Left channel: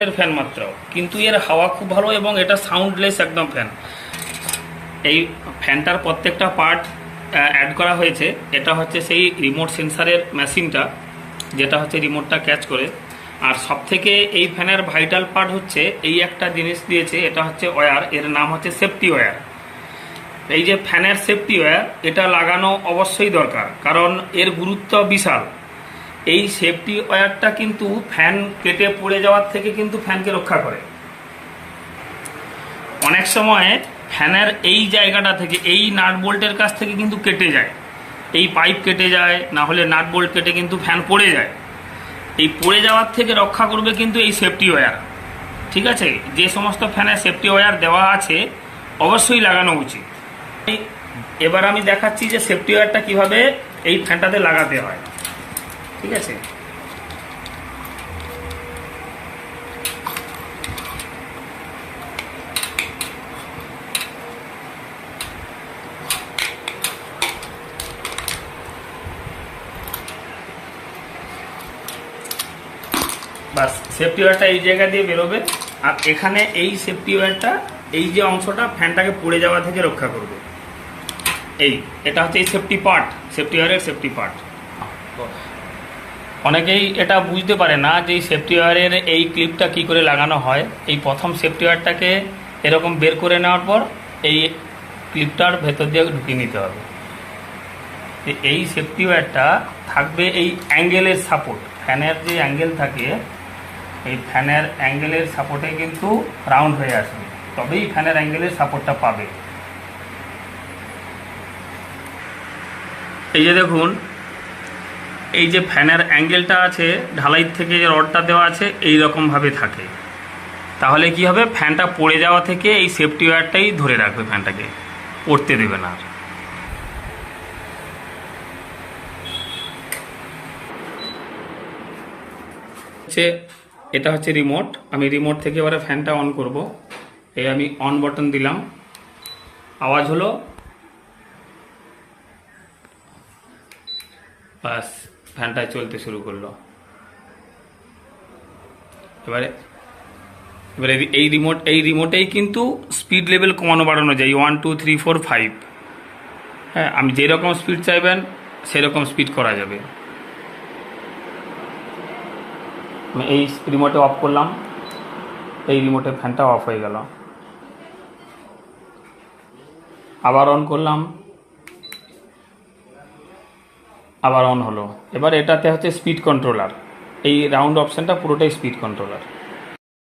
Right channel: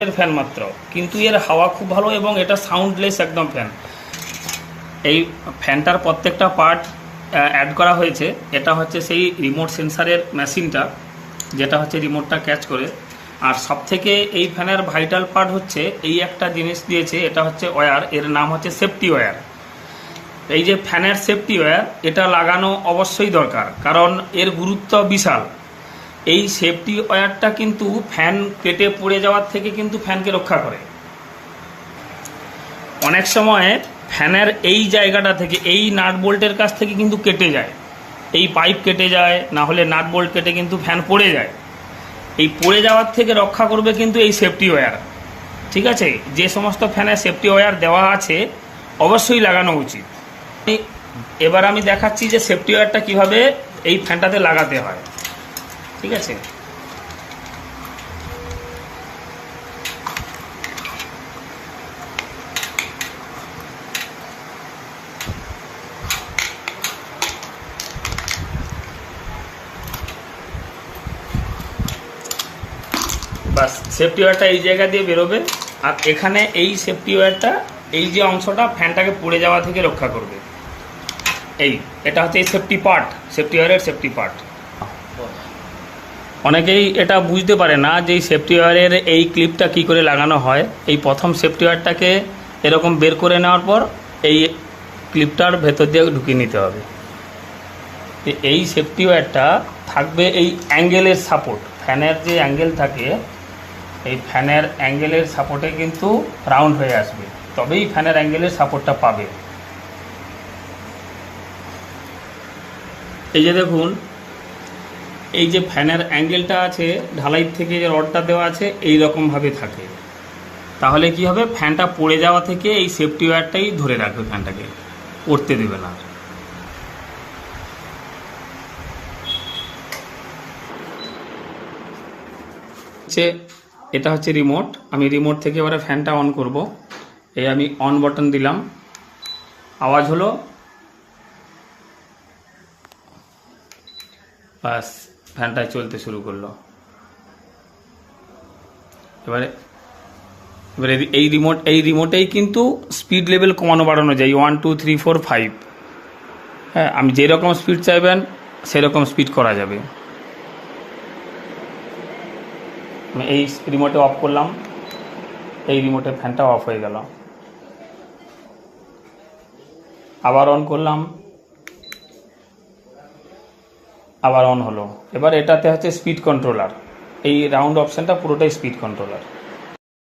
Fan মাত্র। কিন্তু এর হাওয়া খুব ভালো এবং এটা সাউন্ডলেস একদম ফ্যান এই ফ্যানটার প্রত্যেকটা পার্ট অ্যাড করা হয়েছে। এটা হচ্ছে সেই রিমোট সেন্সারের মেশিনটা যেটা হচ্ছে রিমোটটা ক্যাচ করে। আর সব থেকে এই ফ্যানের ভাইটাল পার্ট হচ্ছে, এই একটা জিনিস দিয়েছে, এটা হচ্ছে ওয়্যার এর নাম হচ্ছে সেফটি ওয়্যার এই যে ফ্যানের সেফটি ওয়্যার এটা লাগানো অবশ্যই দরকার, কারণ এর গুরুত্ব বিশাল। এই সেফটি ওয়্যারটা কিন্তু ফ্যান কেটে পড়ে যাওয়ার থেকে কিন্তু ফ্যানকে রক্ষা করে। অনেক সময় ফ্যানের এই জায়গাটা থেকে, এই নাট বোল্টের কাছ থেকে কিন্তু কেটে যায়। এই পাইপ কেটে যায়, না হলে নাট বোল্ট কেটে কিন্তু ফ্যান পড়ে যায়। এই পড়ে যাওয়ার থেকে রক্ষা করবে কিন্তু এই সেফটি ওয়্যার ঠিক আছে? যে সমস্ত ফ্যানে সেফটি ওয়্যার দেওয়া আছে, অবশ্যই লাগানো উচিত। এবার আমি দেখাচ্ছি যে সেফটি ওয়্যারটা কীভাবে এই ফ্যানটাতে লাগাতে হয়। ঠিক আছে? সেফটি ওয়্যারটা এই জায়গা দিয়ে বেরোবে আর এখানে এই সেফটি ওয়্যারটা এই যে অংশটা ফ্যানটাকে পড়ে যাওয়া থেকে রক্ষা করবে। এই, এটা হচ্ছে এই সেফটি পার্ট সেফটি ওয়্যারের সেফটি পার্ট অনেকেই এটা বুঝতে পারে না যে সেফটি ওয়্যারের এই ক্লিপটা কি করে লাগানো হয়। এই প্রথম সেফটি ওয়্যারটাকে এরকম বের করে নেওয়ার পর এই ক্লিপটার ভেতর দিয়ে ঢুকিয়ে নিতে হবে। এই সেফটি ওয়্যারটা থাকবে এই অ্যাঙ্গেলের সাপোর্ট ফ্যানের যে অ্যাঙ্গেল থাকে, এই ফ্যানের অ্যাঙ্গেলের সাপোর্টে কিন্তু রাউন্ড হয়ে আসবে। তবেই ফ্যানের অ্যাঙ্গেলের সাপোর্টটা পাবে। এই যে দেখুন এই যে ফ্যানের অ্যাঙ্গেলটা আছে, ঢালাই থেকে যে রডটা দেওয়া আছে এই রকমভাবে থাকে। তাহলে কি হবে? ফ্যানটা পড়ে যাওয়া থেকে এই সেফটি ওয়্যারটাই ধরে রাখবে ফ্যানটাকে। পড়তে দেবে না। হচ্ছে এটা হচ্ছে রিমোট আমি রিমোট থেকে এবারে ফ্যানটা অন করব। এই আমি অন বাটন দিলাম। আওয়াজ হলো? বাস ফ্যানটা চলতে শুরু করল। এবারে এবারে এই রিমোট এই রিমোটেই কিন্তু স্পিড লেভেল কমানো, বাড়ানো যায়। One two three four five হ্যাঁ আমি যেরকম স্পিড চাইবেন, সেরকম স্পিড করা যাবে। আমি এই রিমোটে অফ করলাম। এই রিমোটে ফ্যানটা অফ হয়ে গেল। আবার অন করলাম। আবার অন হলো। এবার এটাতে হচ্ছে স্পিড কন্ট্রোলার এই রাউন্ড অপশানটা পুরোটাই স্পিড কন্ট্রোলার